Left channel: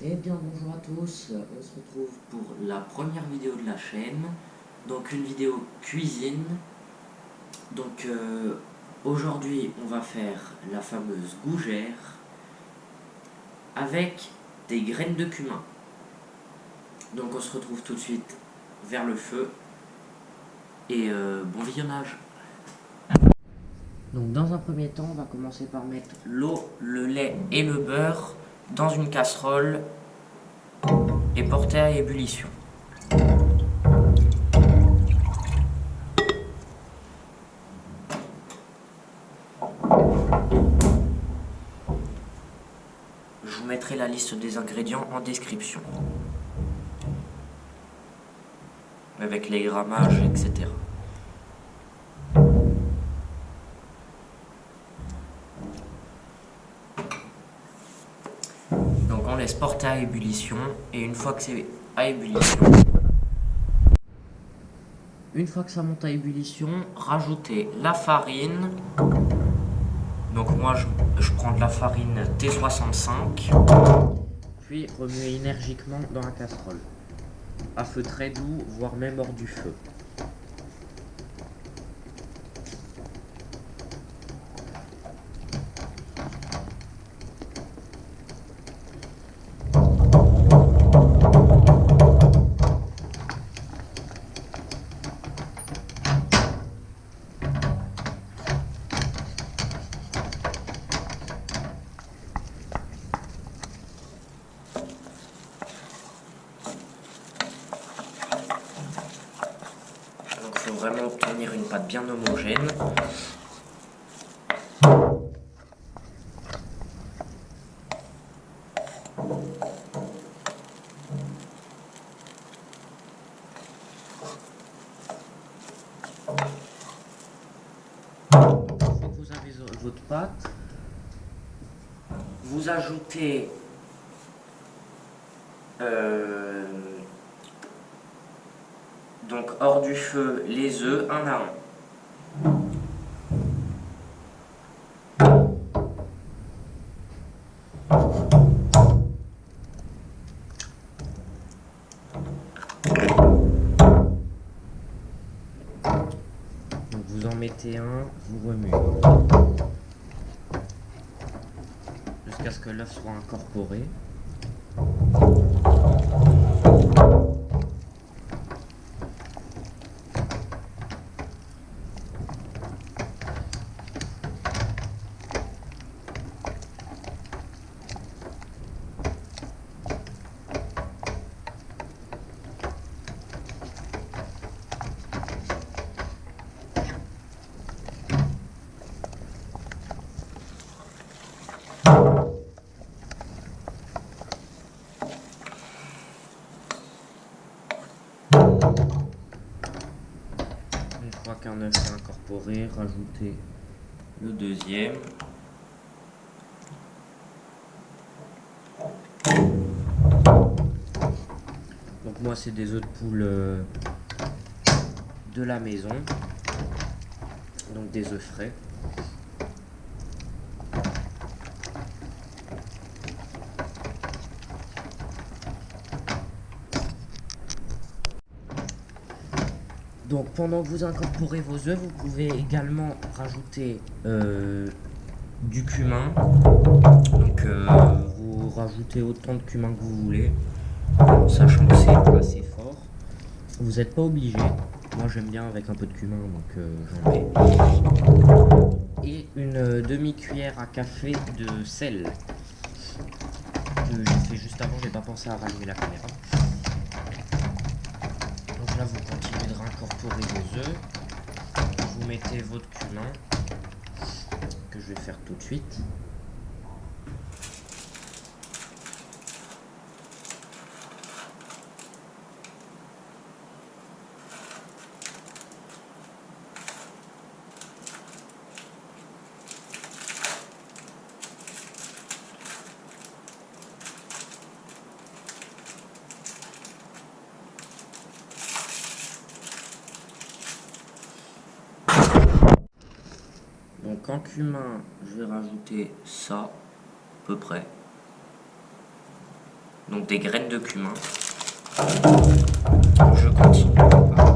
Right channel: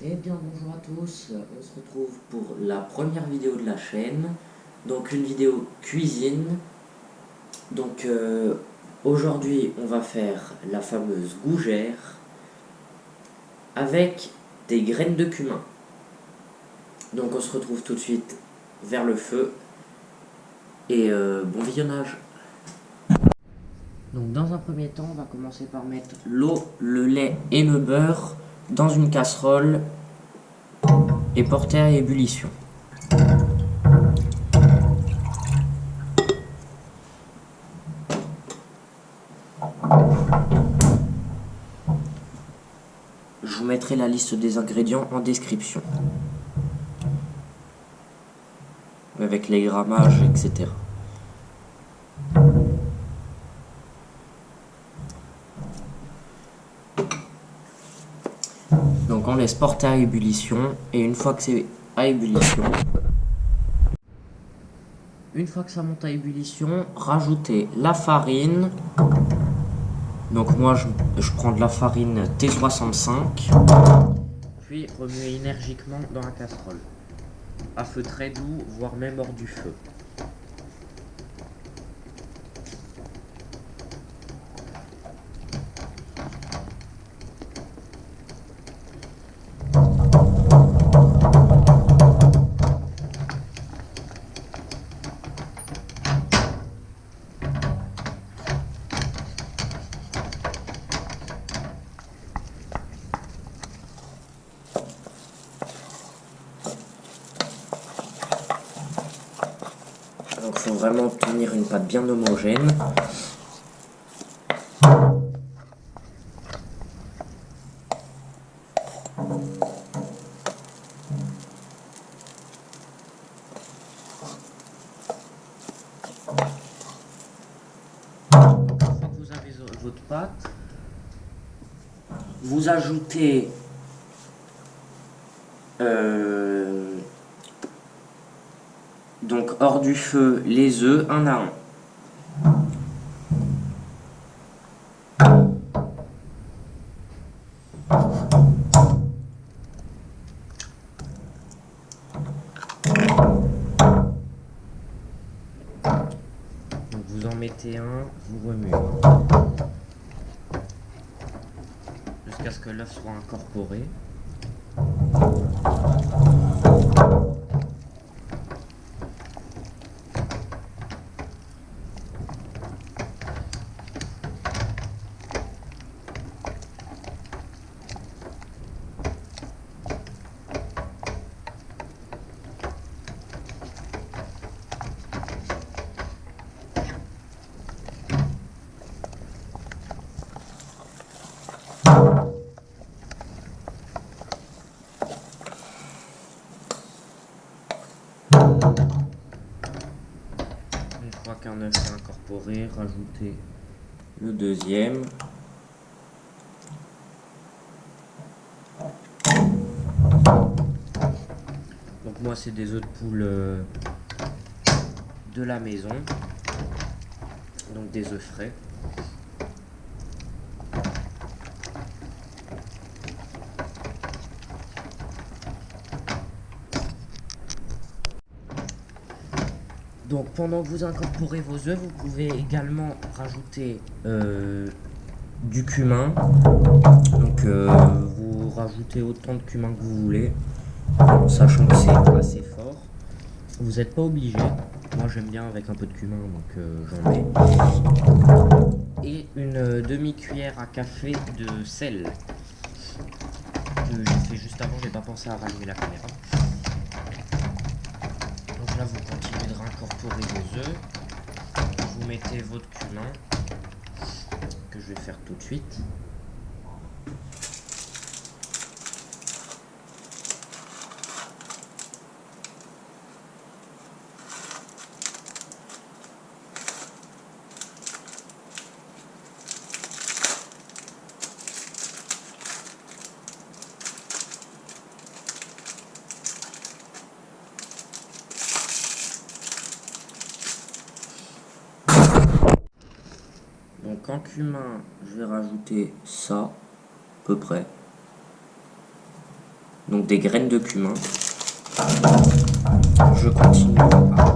Eh bien bonjour à tous, on se retrouve pour la première vidéo de la chaîne, donc une vidéo cuisine. Donc aujourd'hui on va faire la fameuse gougère avec des graines de cumin. Donc on se retrouve tout de suite vers le feu et bon visionnage. Donc dans un premier temps on va commencer par mettre l'eau, le lait et le beurre dans une casserole et porter à ébullition. Je vous mettrai la liste des ingrédients en description, avec les grammages, etc. Donc on laisse porter à ébullition, et une fois que c'est à ébullition, une fois que ça monte à ébullition, rajoutez la farine. Donc moi je prends de la farine T65, puis remuez énergiquement dans la casserole, à feu très doux, voire même hors du feu. Donc il faut vraiment obtenir une pâte bien homogène. Une fois que vous avez votre pâte, vous ajoutez donc hors du feu les œufs un à un. Donc vous en mettez un, vous remuez jusqu'à ce que l'œuf soit incorporé. Une fois qu'un œuf est incorporé, rajoutez le deuxième. Donc moi c'est des œufs de poule de la maison, donc des œufs frais. Donc pendant que vous incorporez vos œufs, vous pouvez également rajouter du cumin. Donc vous rajoutez autant de cumin que vous voulez, sachant que c'est assez fort. Vous n'êtes pas obligé. Moi j'aime bien avec un peu de cumin, donc j'en mets. Et une demi-cuillère à café de sel. Que j'ai fait juste avant, j'ai pas pensé à rallumer la caméra. Donc là vous continuez de incorporer vos œufs. Vous mettez votre cumin, que je vais faire tout de suite. Donc en cumin, je vais rajouter ça, à peu près. donc des graines de cumin. Je continue à mélanger.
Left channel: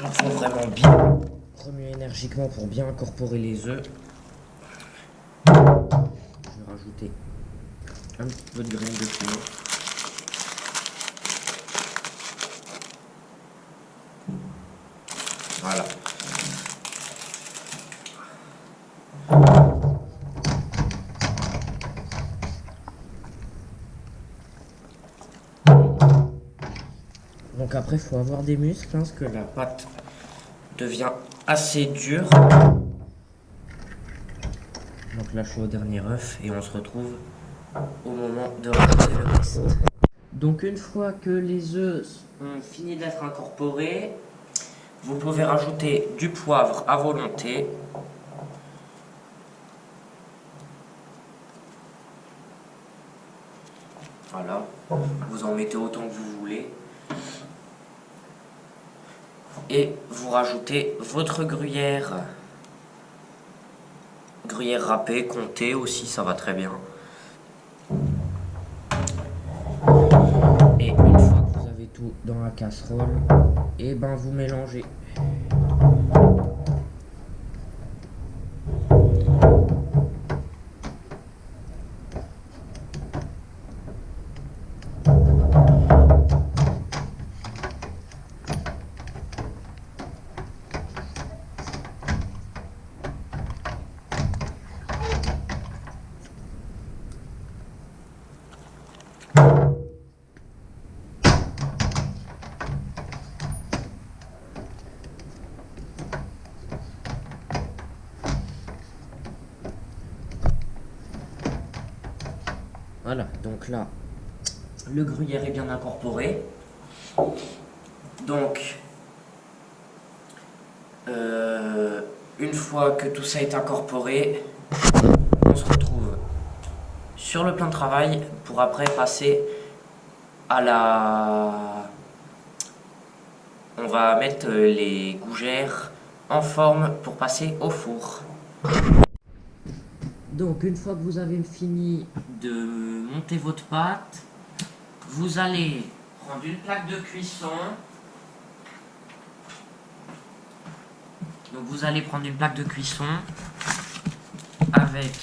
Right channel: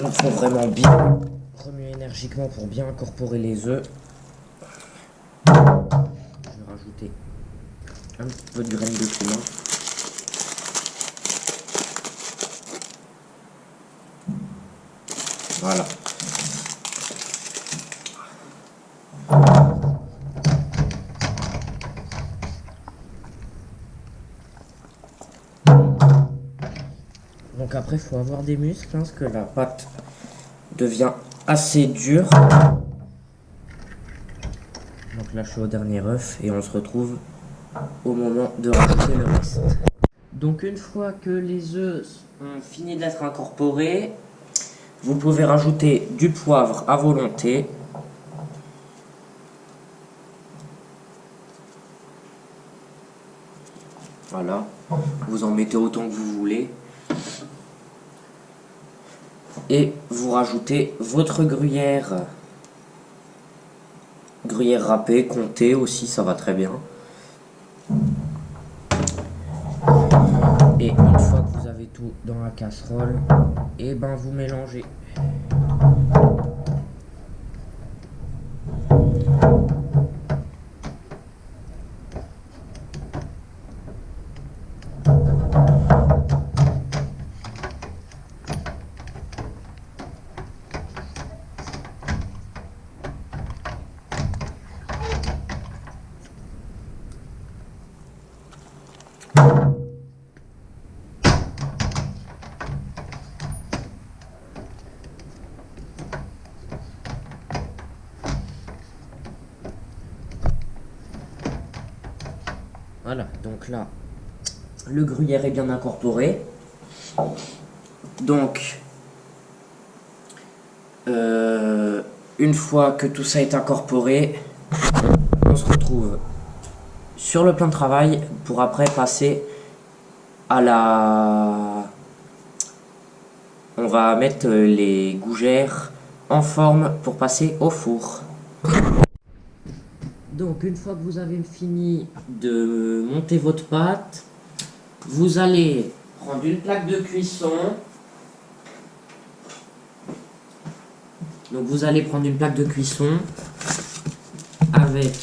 Il faut vraiment bien remuer énergiquement pour bien incorporer les œufs. Je vais rajouter un petit peu de graines de cumin. Voilà. Donc après, il faut avoir des muscles, hein, parce que la pâte devient assez dure. Donc là, je suis au dernier œuf et on se retrouve au moment de rajouter le reste. Donc une fois que les œufs ont fini d'être incorporés, vous pouvez rajouter du poivre à volonté. Voilà, vous en mettez autant que vous voulez. Et vous rajoutez votre gruyère. Gruyère râpée, comté aussi, ça va très bien. Et une fois que vous avez tout dans la casserole, et ben vous mélangez. Voilà, donc là, le gruyère est bien incorporé. Donc, une fois que tout ça est incorporé, on se retrouve sur le plan de travail pour après passer à la... On va mettre les gougères en forme pour passer au four. Donc une fois que vous avez fini de monter votre pâte, vous allez prendre une plaque de cuisson. Donc vous allez prendre une plaque de cuisson avec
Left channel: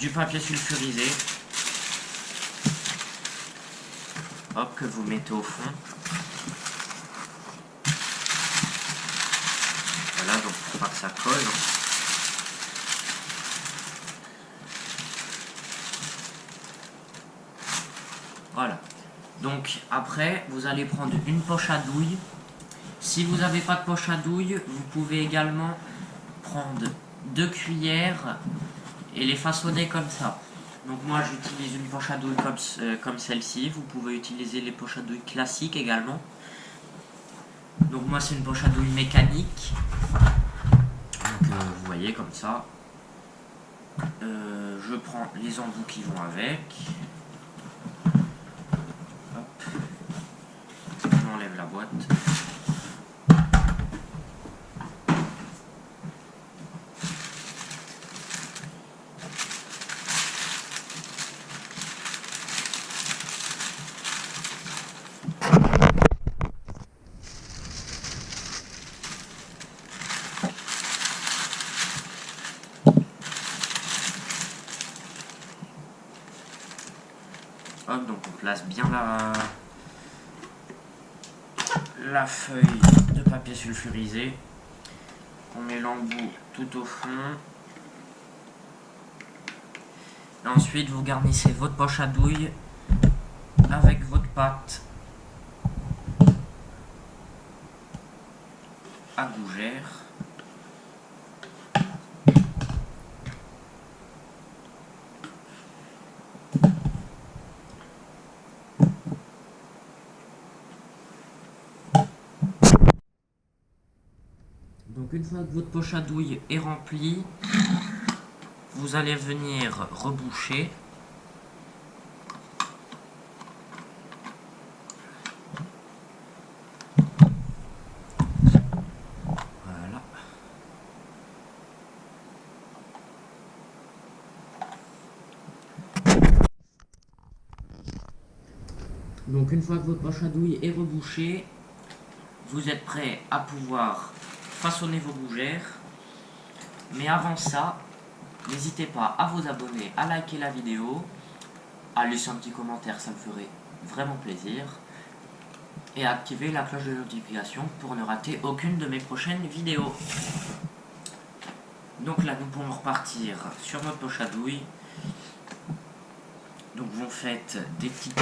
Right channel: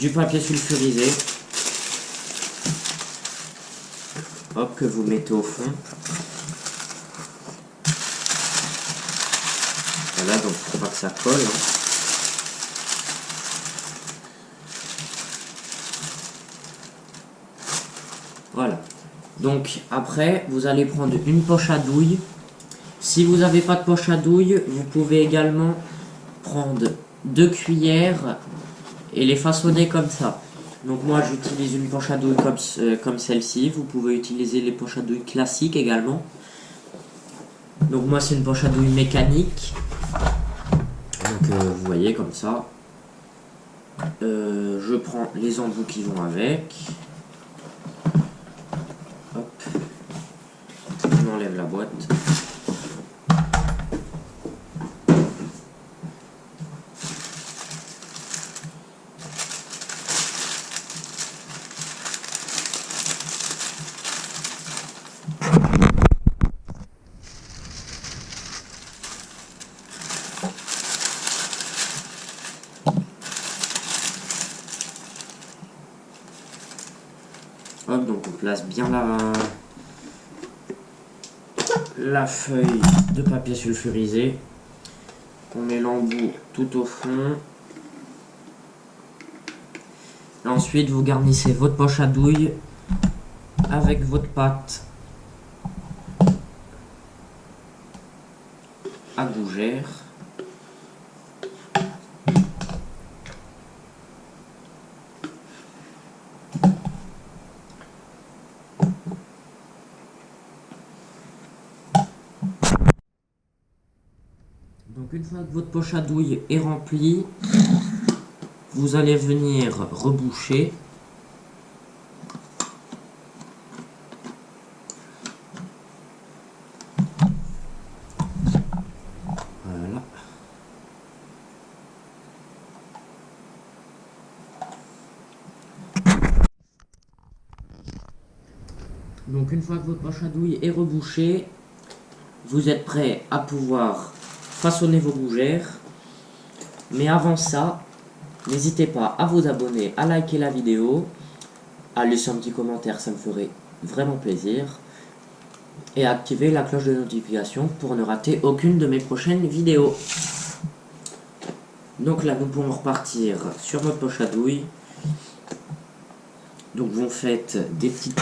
du papier sulfurisé. Hop, que vous mettez au fond. Voilà, donc pour pas que ça colle. Voilà. Donc après, vous allez prendre une poche à douille. Si vous n'avez pas de poche à douille, vous pouvez également prendre 2 cuillères et les façonner comme ça. Donc moi j'utilise une poche à douille comme celle-ci. Vous pouvez utiliser les poches à douille classiques également. Donc moi c'est une poche à douille mécanique. Donc vous voyez comme ça. Je prends les embouts qui vont avec. Hop. On enlève la boîte. Hop, donc on place bien la feuille de papier sulfurisé. On met l'embout tout au fond. Et ensuite, vous garnissez votre poche à douille avec votre pâte à gougère. Donc une fois que votre poche à douille est remplie, vous allez venir reboucher. Donc une fois que votre poche à douille est rebouchée, vous êtes prêt à pouvoir façonner vos gougères. Mais avant ça, n'hésitez pas à vous abonner, à liker la vidéo, à laisser un petit commentaire, ça me ferait vraiment plaisir. Et à activer la cloche de notification pour ne rater aucune de mes prochaines vidéos. Donc là, nous pouvons repartir sur notre poche à douille. Donc vous faites des petites...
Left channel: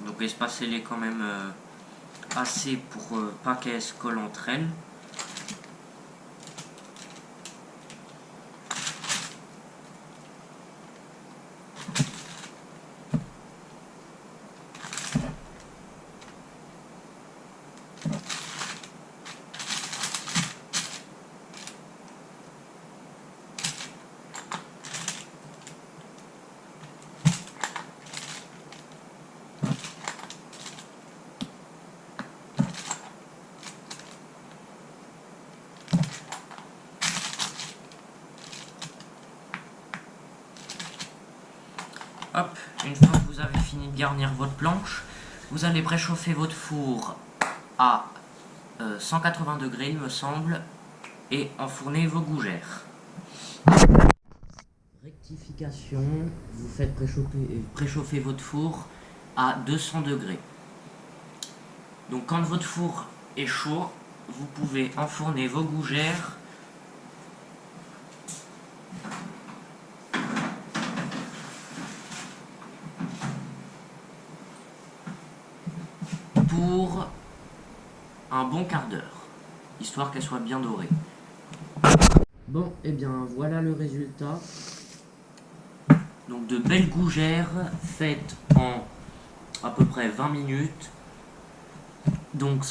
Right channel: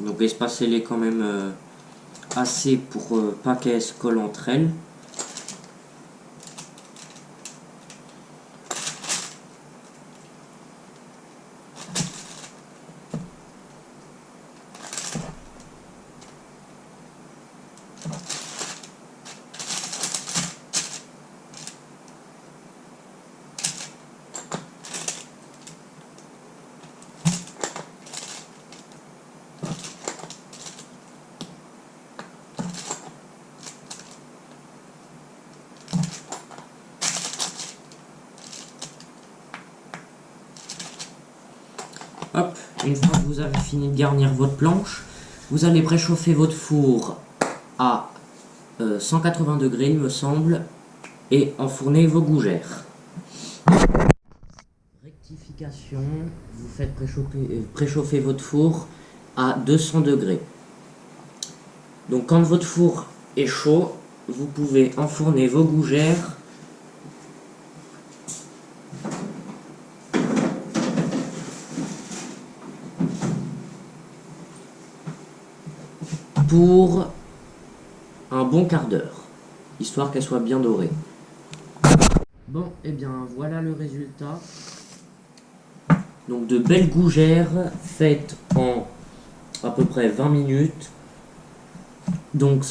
Donc espacez-les quand même assez pour pas qu'elles se collent entre elles. Hop, une fois que vous avez fini de garnir votre planche, vous allez préchauffer votre four à 180 degrés, il me semble, et enfourner vos gougères. Rectification, vous faites préchauffer votre four à 200 degrés. Donc quand votre four est chaud, vous pouvez enfourner vos gougères pour un bon quart d'heure, histoire qu'elles soient bien dorées. Bon, et bien voilà le résultat. Donc de belles gougères faites en à peu près 20 minutes. Donc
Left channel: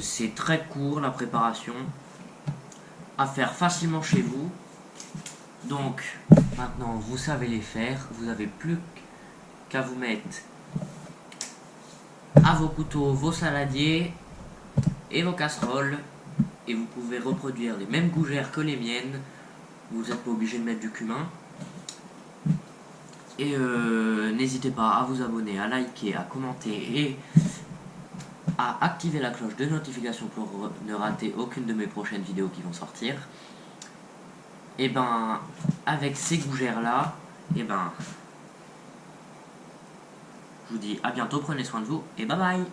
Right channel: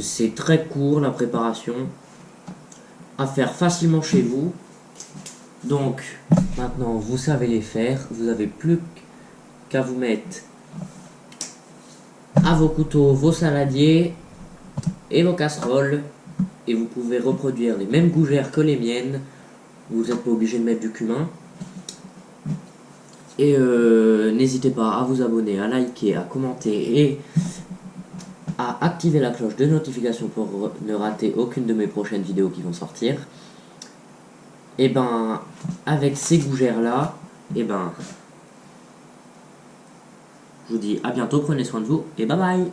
c'est très court la préparation, à faire facilement chez vous. Donc maintenant vous savez les faire, vous n'avez plus qu'à vous mettre à vos couteaux, vos saladiers et vos casseroles, et vous pouvez reproduire les mêmes gougères que les miennes. Vous n'êtes pas obligé de mettre du cumin. Et n'hésitez pas à vous abonner, à liker, à commenter et à activer la cloche de notification pour ne rater aucune de mes prochaines vidéos qui vont sortir. Et ben, avec ces gougères là, et ben, je vous dis à bientôt, prenez soin de vous et bye bye.